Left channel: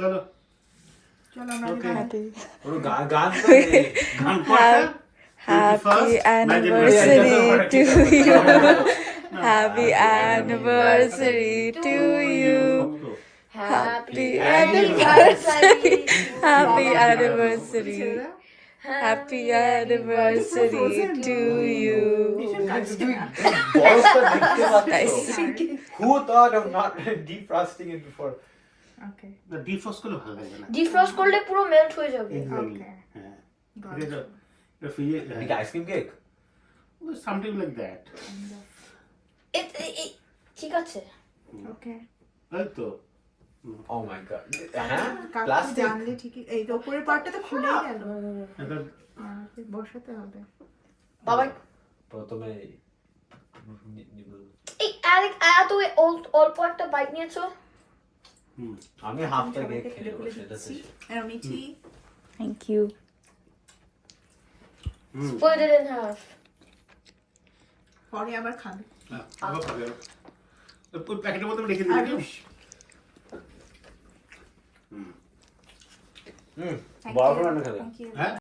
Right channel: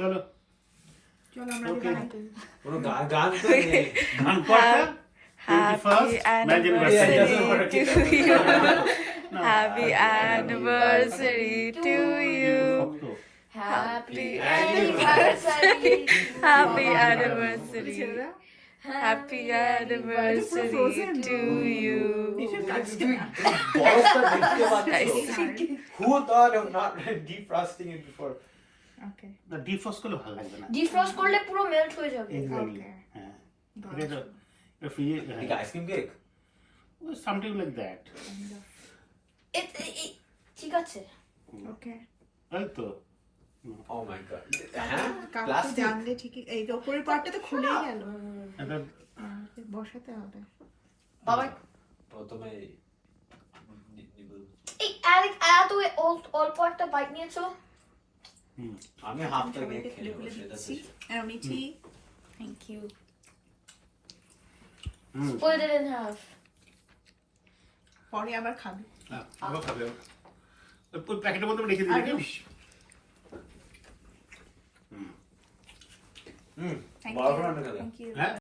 চলো চলো আমরা Okay. গান Happy anniversary to you. Happy anniversary to you. Happy anniversary. Happy anniversary. Happy anniversary to you. Who thought of not defrosting it before? Okay. না defrost করলে ভালো লাগবে না ডিফ্রস্ট করলে পুরো মেল্ট হয়ে যাবে Exactly. Okay. হ্যাঁ Got ঠিক আছে ফ্রিজে Like ice cream cake? Something like that ঠিক আছে Okay. এই তো Oh my god. কাকু Plastic? জানলে ঠিকই এই তো উপরের পার্টটা তো খুলেই গেল এটা বসাতে হবে বাবা প্রথমে এই আরেক এত অল্প একটা বাইক নিয়েছো আমি হাফটা সবাইকে কেক খুলে খুলে দিচ্ছি আর Mithi Thank you. split it in half পরে আবার খাবে আবার খাবে ওই প্যাকেটের মধ্যে রেখে দিবি আরে। হুম Thank বড় you. করে আনতে হবে। Thank you. হ্যাঁ